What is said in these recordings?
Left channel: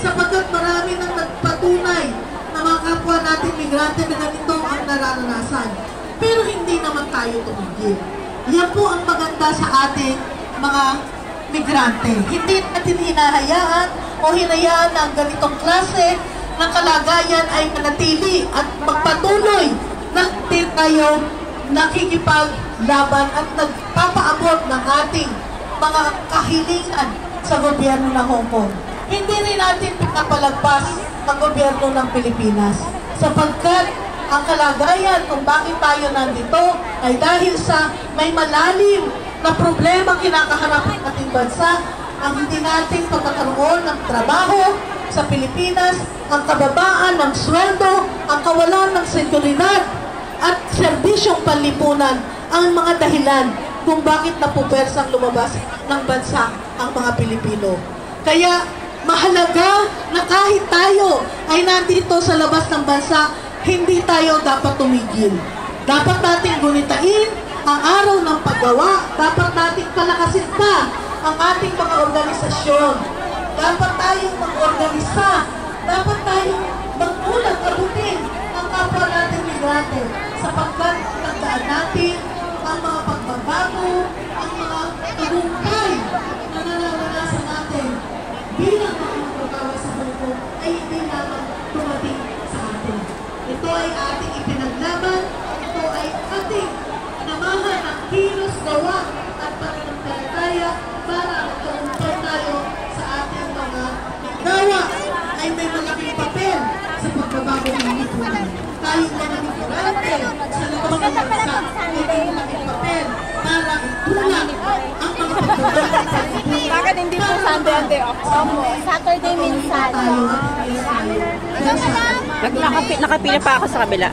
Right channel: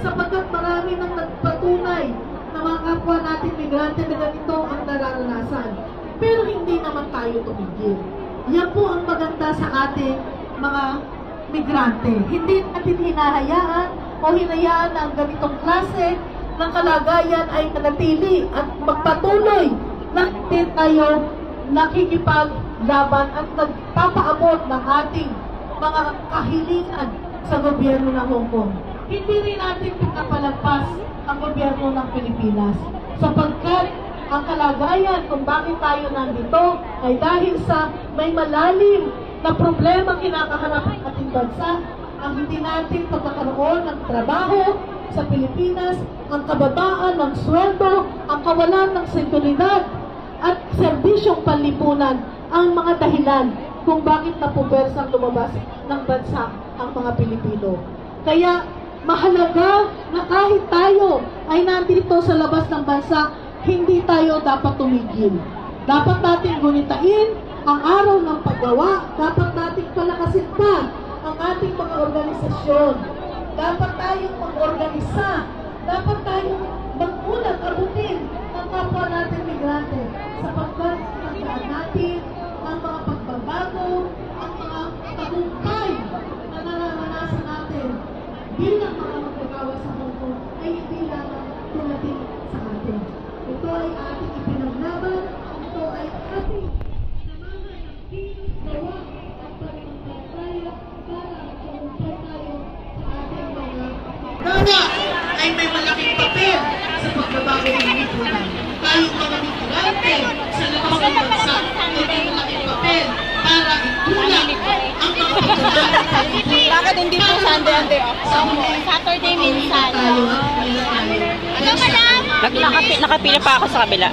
sapagkat marami nang nagpatunay na mga kapwa natin migrante na ganito ang nararanasan. Pero hindi naman tayo tumigil. Yan po ang maganda sa ating mga migrante. Hindi natin hinahayaan o hinayaan na ang ganitong klase ng kalagayan ay manatili at magpatuloy na tayo nakikipaglaban at nagpapaabot ng ating mga kahilingan sa gobyerno ng Hong Kong. Hindi rin natin napalagpas ang gobyerno ng Pilipinas sapagkat ang kalagayan kung bakit tayo nandito ay dahil sa may malalim na problema kinakaharap ng ating bansa, ang hindi nating pagkakaroon ng trabaho sa Pilipinas, ang kababaan ng sweldo, ang kawalan ng seguridad at serbisyong panlipunan ang mga dahilan kung bakit napupersang lumabas ng bansa ang mga Pilipino. Kaya mahalaga na kahit tayo ay nandito sa labas ng bansa, hindi tayo dapat tumigil. Dapat natin gunitain ang araw ng paggawa. Dapat natin palakasin pa ang ating mga organisasyon. Dapat tayong mag-organisa. Dapat tayong magmulat, abutin ang kapwa natin migrante sapagkat tandaan natin ang mga pagbabago, ang mga tagumpay na nararanasan natin bilang mga magagawa sa Hong Kong ay hindi lamang tumating sa atin. Ito ay ating ipinaglaban, ito ay ating namahan ng kilos, gawa at pananampalataya para magtagumpay tayo sa ating mga gawa ay may malaking papel sa pagbabago ng lipunan. Tayong mga migrante sa labas ng bansa ay may malaking papel para itulang ang mga pagbabago ng pagbabago. Bakit hindi po Sunday ang day off? Saturday minsan. Ikaw, madam! Nakapila pa ako sa kabila.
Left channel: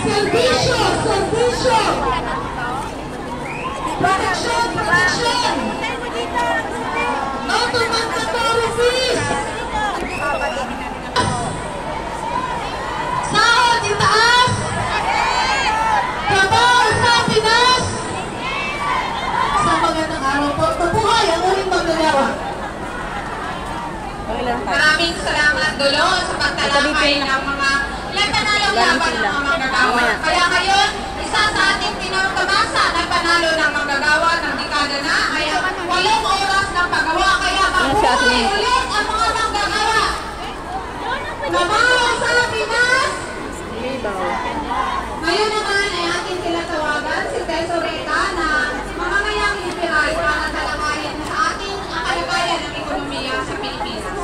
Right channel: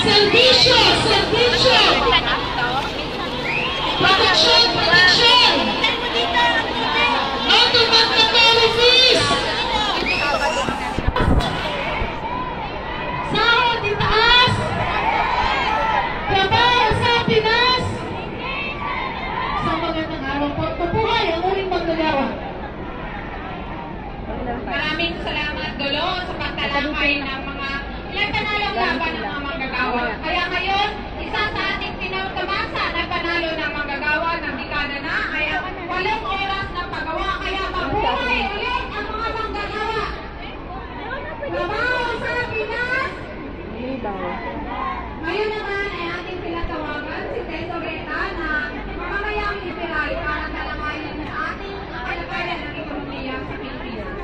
Servisyo! Servisyo! Protection! Protection! Auto-mandatory fees! Sahod itaas! Trabaho sa Pinas! Sa magandang araw po, mabuhay ang uling magagawa. Maraming salamat Dulo sa pagtalakay ng mga laban ng mga manggagawa. Kaya ngayon, isa sa ating pinagtamasa na panalo ng manggagawa ng dekada na ay 8 oras ng paggawa. Kaya mabuhay ulit ang mga manggagawa. Trabaho sa Pinas! Ngayon naman ay ating tinatawagan si Tesoreta na mamamayang inspiray para talakayin sa ating ang kalagayan ng ekonomiya sa Pilipinas.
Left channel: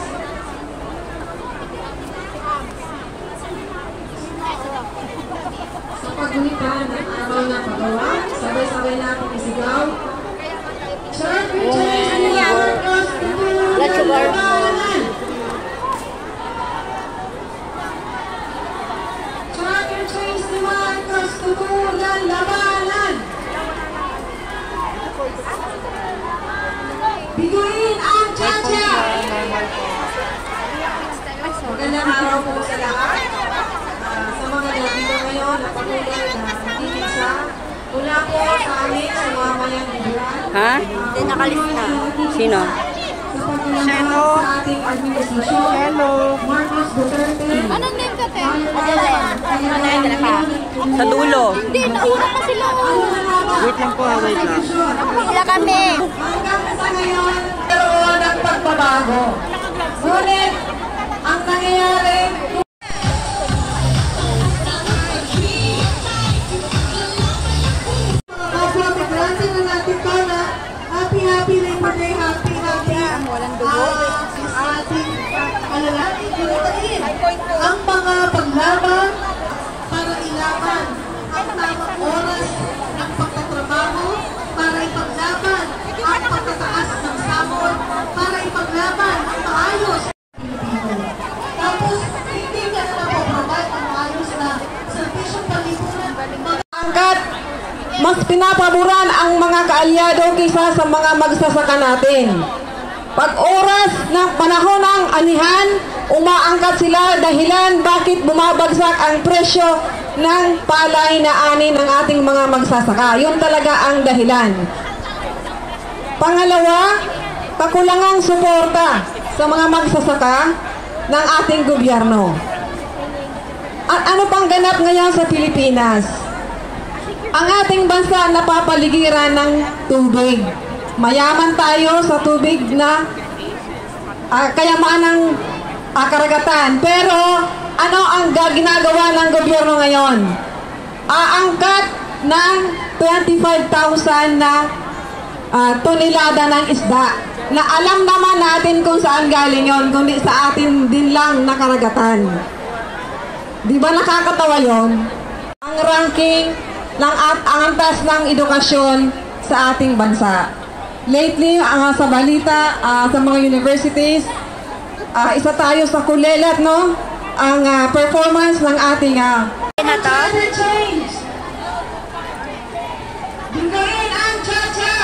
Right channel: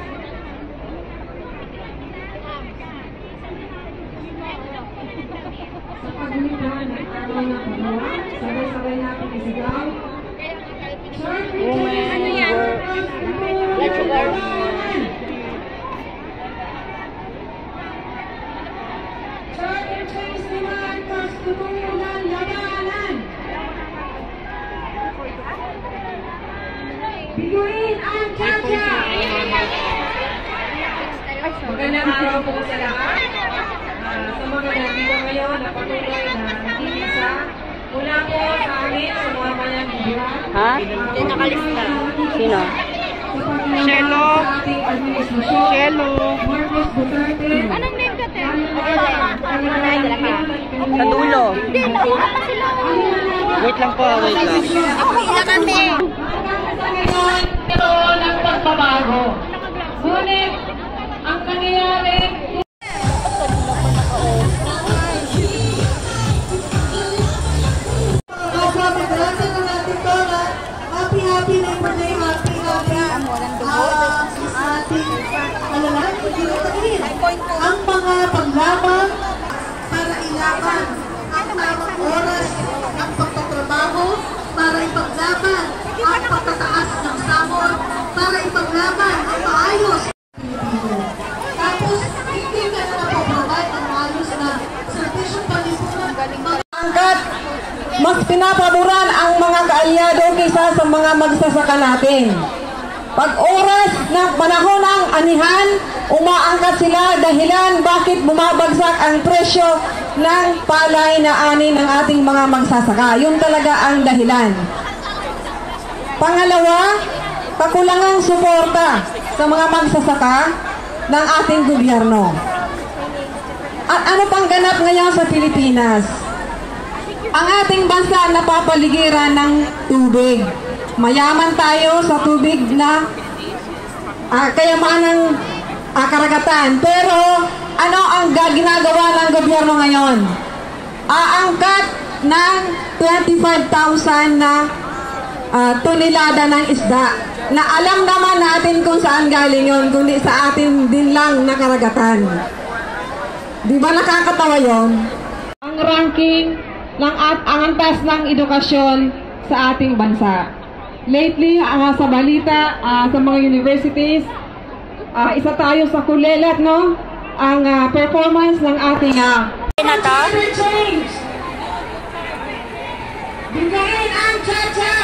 Sa paggulitan ng araw ng paggawa, sabay-sabay natin isigaw. Church returns workers to labanan! Church returns workers to labanan! Biguin ang chacha! Magandang araw po sa lahat. Sa mga nandito ngayon na patuloy na nagkikisa, mula po sa amin sa mga mayang liberal. Ha? Sino? Sa paglalakad sa ating administrasyon, Marcos Duterte. Anong name ka, te? Sa dulo. Hindi, nauna pa sila. Wait lang po, wait lang. Isa kami. Hanggang sa ngayon, meron ng pagbabago. Ngunit, ang nangyayari, Happy Labor Day, happy ating alalahanin, ginagain ang mga paglaban para ilaban ang tamang oras ng pagtatrabaho, para ipaglaban ang pagtataas ng sahod, para ipaglaban ang maayos Pilipino. Tapos, hindi ka na napaprovide ang maayos na serbisyong palipunan. hanggat mas pinapaboran ang mga kaalyado kaysa sa mga magsasaka natin. Pag oras ng panahon ng anihan, umaangkat sila dahilan bakit bumabagsak ang presyo ng palay na ani ng ating mga magsasaka. Yun talaga ang dahilan. Pangalawa, kakulangang suporta sa mga magsasaka ng ating gobyerno. At ano pang ganap ngayon sa Pilipinas? Ang ating bansa napapaligiran ng tubig. Mayaman tayo sa tubig na kayamanang karagatan. Pero ano ang ginagawa ng gobyerno ngayon? Aangkat ng 25,000 na tonelada ng isda na alam naman natin kung saan galing yon, kundi sa atin din lang na karagatan. Di ba nakakatawa yon? Ang ranking ng ang antas ng edukasyon sa ating bansa. Lately, sa balita, sa mga universities, isa tayo sa kulelat, no? Ang performance ng ating climate change. Bigyan ang cha-cha.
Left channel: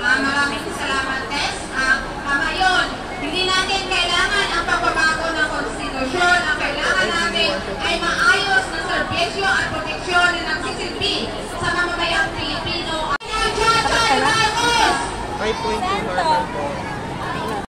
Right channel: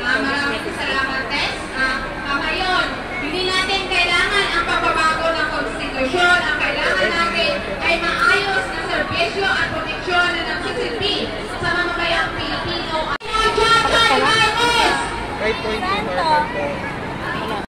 Maraming salamat, Tess. Ngayon, hindi natin kailangan ang pagbabago ng konstitusyon. Ang kailangan natin ay maayos na serbisyo at proteksyon na nagsisilbi sa mamamayang Pilipino. 5.2